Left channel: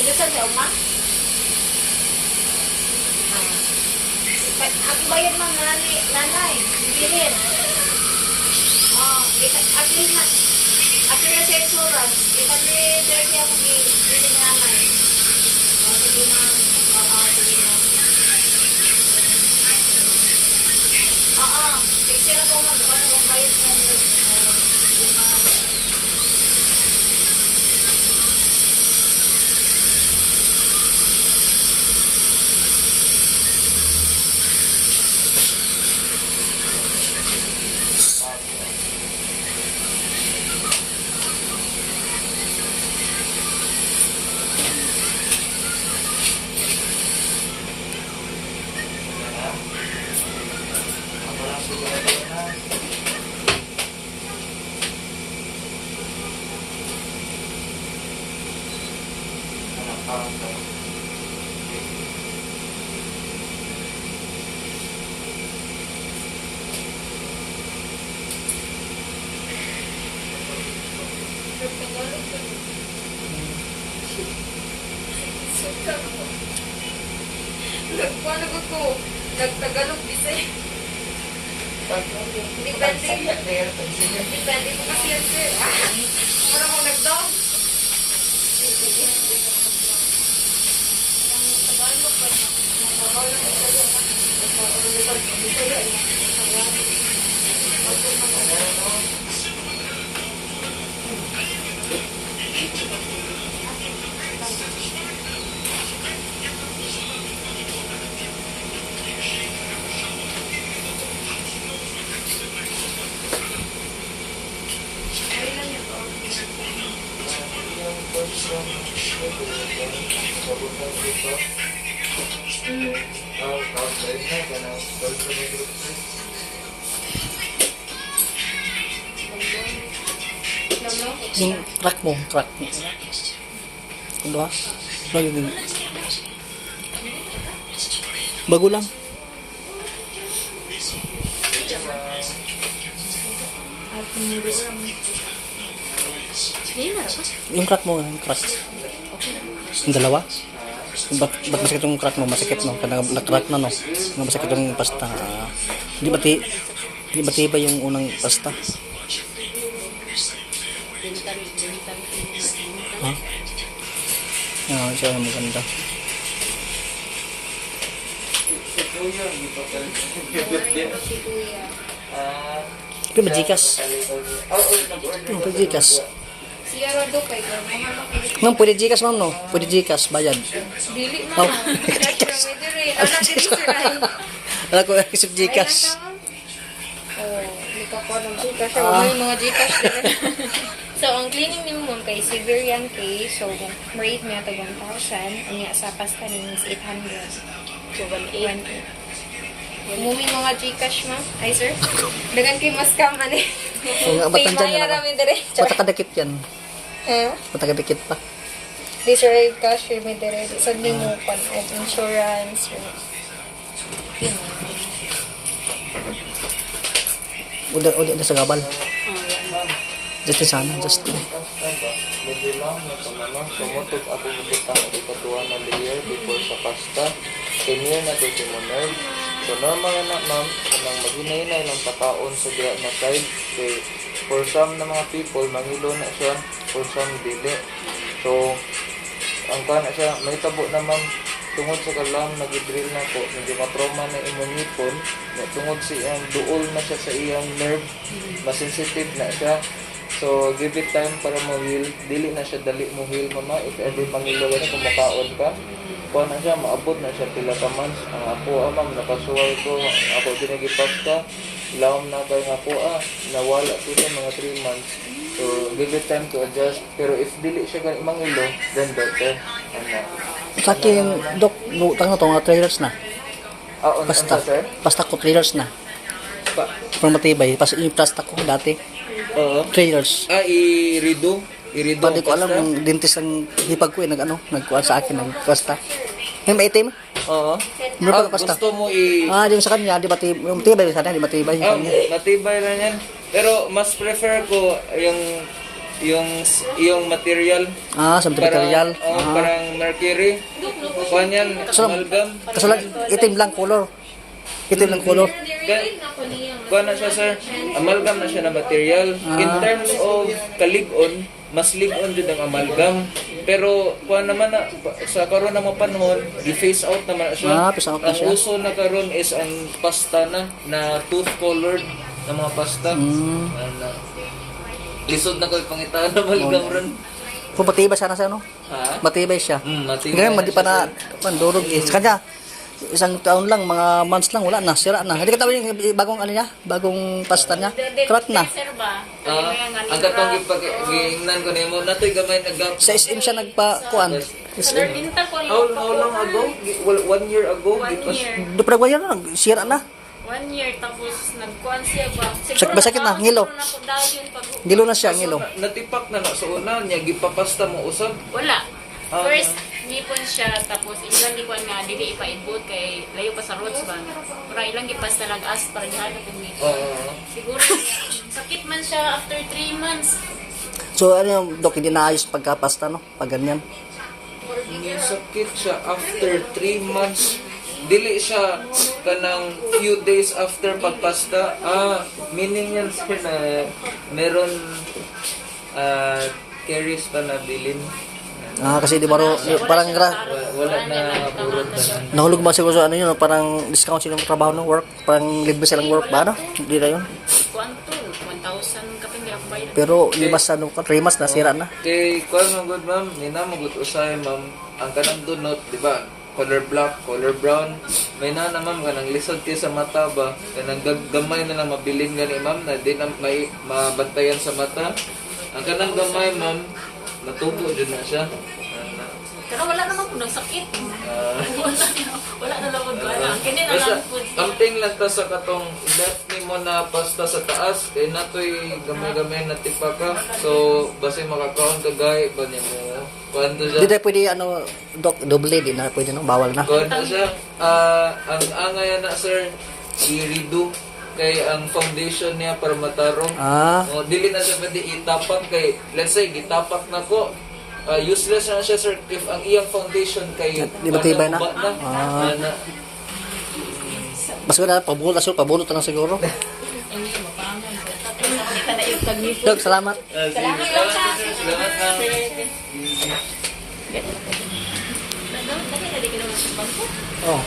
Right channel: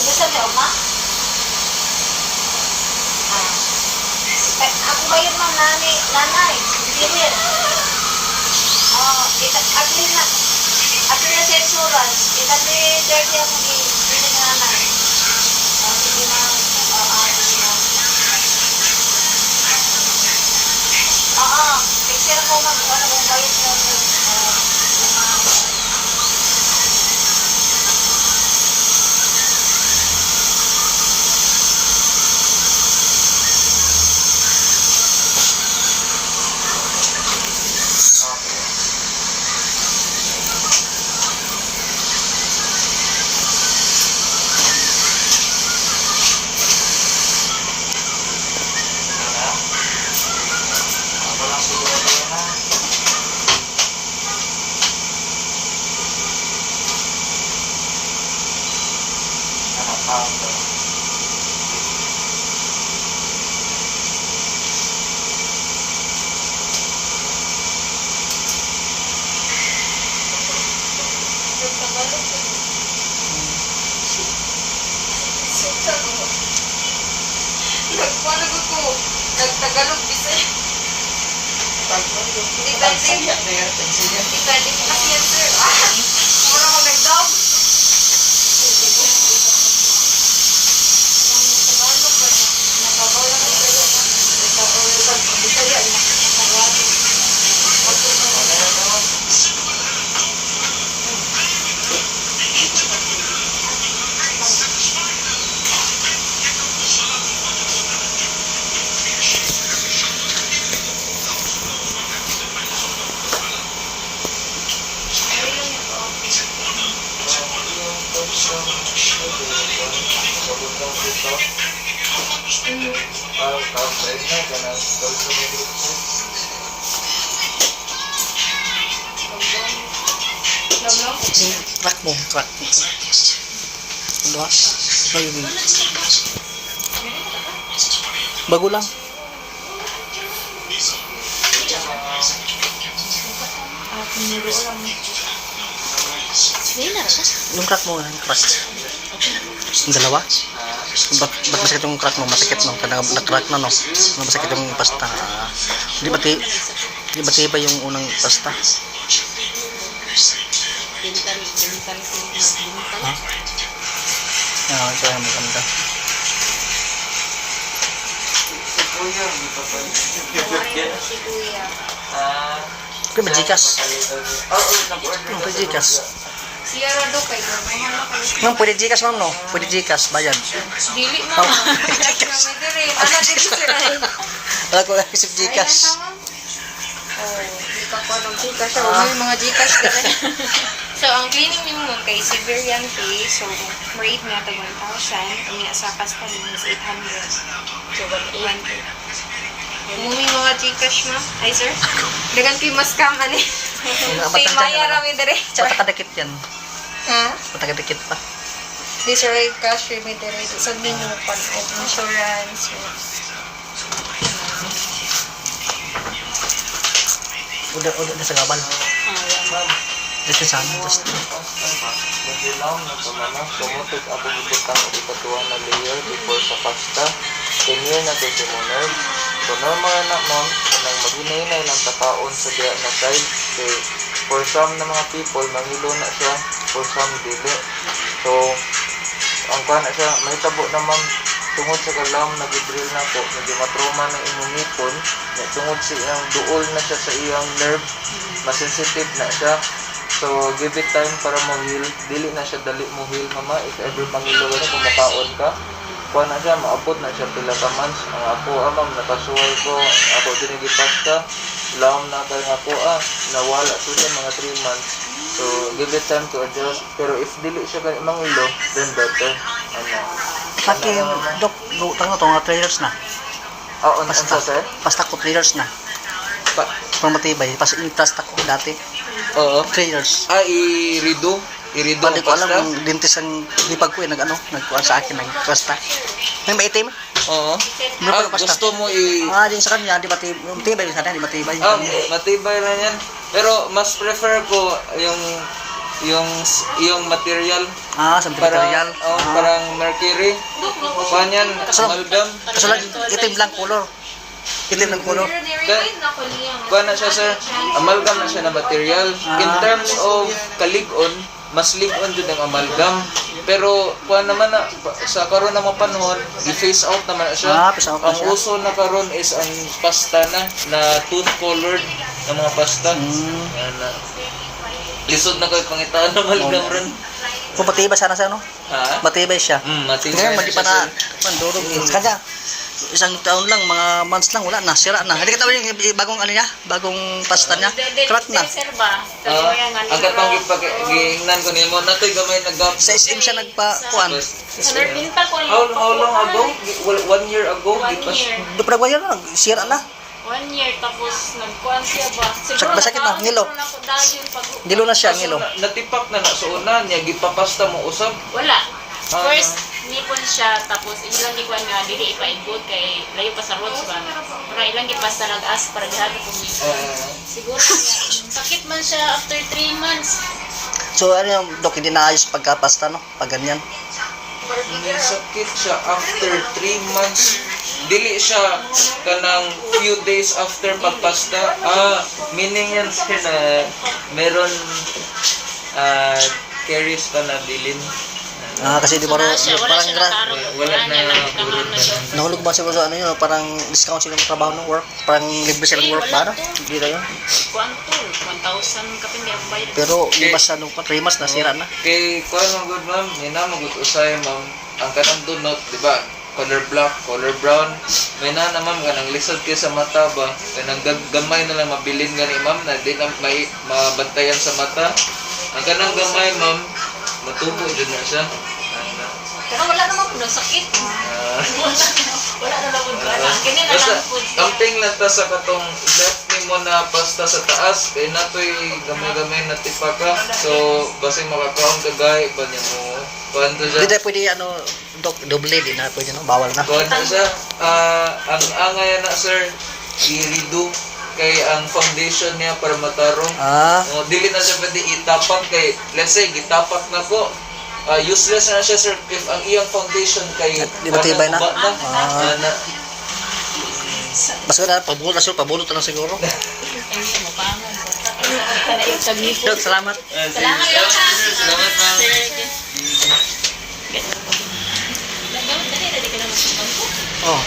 Bilisan niyo, ma? Ako ba yun, ma'am, nanay? Bilhin. At na sa insurance, ikami 30 ako bilhin nanay. Sige, ma'am. Sige, ma'am. Picture ako, ma'am. Ano kung bayad mo? Nagpalag ako. Nagtagalog bisa. Depende po kasi yan, sir. Mura ko nag-dog. Tagalog ba na? Nababaw lang ang sa'yo. Bisaya na. Track mo. Ano? Bago lang. Yung crack mo, yung crack. Yung dalawa? Ba't masakit yung crack mo? Masakit, no? Kaya na-crack na, no? Masakit yung pasta. Di ba tiba yung unang pasta? Ha? Ito yung maganda. Si Kuya. Kaya ba Gcash? Ano pa Gcash? Siya rado kay mahal na kayo. Ma'am, pwede Gcash, ma'am, no? Pwede Gcash, bayad. Dili na. Anak dili sir. Wala ko isip Gcash. Hindi pa ko ng Gcash. May mga Gcash dali. So, ang cleaning ni mo kay Siberian case, so, rate niya ito 1,000. Ang niya sa pasta niya is 800. So, 1,800. Umumi mga Gcash, ma'am. Ay, sir. Dagan kayo mas kaman eh. Pay maya rami dire. Patakadikit yan. Ha? Patakadikit pa. Di, sir, cash rami dire. So, ni mo pan insurance. Udah na sa gabal. Just sana, just. Nagilaw na pamana, sumutog ako gibutang o ikatuwa na layer before sa pasta. Tenir na to si mo nerve. So normal na ma'am, kanang maghinay-hinay lang takaon sa diya na side. Kay for some na mga people, mangilo na siya, for some dili. So, ang kuha na siya, may tabo na ma'am, tungod sa kalam, nag-drill na po, medyo matrauma na imong ngipon, tungod sa iyang duol na siya sa iyang nerve, masensitive na siya. So, give it time para mo-heal. Dili na siya dali mo-heal, mama. If ever mangilo ka kung makaon ka, kuha na siya, maabot na siya pila ka months. Ang ako, ma'am, nakasuway ko. Ako dinigipasta. Lawam na kayo nga po, nawala to siya mga 3 months. So, give it time to adjust. Pero if dili siya ganit mangilo, then better. Sa akin, Dok, tango to, nga 3 years na. Basta, sir? Basta ko 3 years na. Para matibay. Pas i-plasta ko dati. Oo. 3 years. I-redo Hindi ang ko alam, pasta? yung dentist ang hipag ko nagkuhan sa akin, nagpasta. May maitim? Oo. May pasta. Gusto mo Yung sa kanya, di matibay yung sana, di matibay. matibay lang yan. Pero mas prefer ko yung yung material. Ah, sa material. Parang mercury. Kanyan, So, amalgam. Kaso lang, itim lang color. Itim ng color. Kuha na siya sir, amalgam na siya na material. In terms of kalig-on, mas lig-on jud ang amalgam. Pero kuha naman na, sa karon na mga panahon, i-phase out naman na siya. Phase out na Ang siya. uso na karon is ang pasta na tooth colored na mga pasta. Lisod na ko'y pangitaan na amalgam ron. Kung matibay sana siya, no? Ha? Matibay siya. Matibay Ngayon, na hindi pa siya, na, mandurog eh. Kanya, isang taon lang, mga months lang, wala na, sira na. Hindi ka tawag yung bagong ano niya, bagong pasta niya, crack na. Sir ba? ang katong gingnan ko nimo natoy gamay nagap. Sa SM siya nagpa-kuan. Sa Narbintal ko How long ago? 1 year ago? 1 year. Di pa nagbayar na, sira na. 1 year tapos nagkuhan siya ba? Basakit na, ngilo. Ngilo na siya, ngilo. Natipak na na sa una niya gipapasta mo usab. Wala. First, nipon siya, tapos ilang di ko nga, dili ipaibot kay layo pa sa roads ba. Pero ilang gipas na nag-as para dihan ko ni. Siguro sakit man siya after 3 months. So ano yung dok, hindi naayos pagkapasta, no? Pag ganyan. Sakit siya after 3 months. Dili siya kanang few days after pagpasta. Meaning yan sir na meron caries pa na bilin. Kasi di ba Wala siya, parang Wala na purot na siya. nahulog man siguro sa ano yun, parang discount sila ng trabaho ng work, parang libre silang work ba, no? Hindi na yun. Kuan to, 1,000 kapin kaya bayad. Pero limas ano, 3 months na, sira na. Kay kuan man good ma'am, mina magut usay ma'am. Ang kanang donut, di ba? Color black, color brown. May na ma'am kanang lisod kay sa mata ba? Kanang gamay na lang mabilin gani ma'am na di na may mabantayan sa mata. Ang kanang gamay ma'am, matubo din na siya. Pero wala naman po sakit. Wala na naman ko alam. Kanya na Basta, lang po siya. amping lang ta sa katong left ni mo na pasta sa taas, kay natoy gamay-gamay na tipaka. So, basing makakaon ka gay, ba niya mo, paano siya? Hindi na pwede, ano, dok, doble, di na pwede, no? Bawal na. Kuhan na siya. Ang angay na sir, i-redo kay ang foundation niya para matarong. Dili na siya pwede itapak kay, let's say, gitapak na ko. Useless na siya sir if ang iyang foundation kay Di ba tibay na? na Basta na, pabulot na siguro, pabulot na lang siguro. Dok, salamat. Salamat lang ha. Salamat ma'am. Dali ka naman sa bangko. Oh.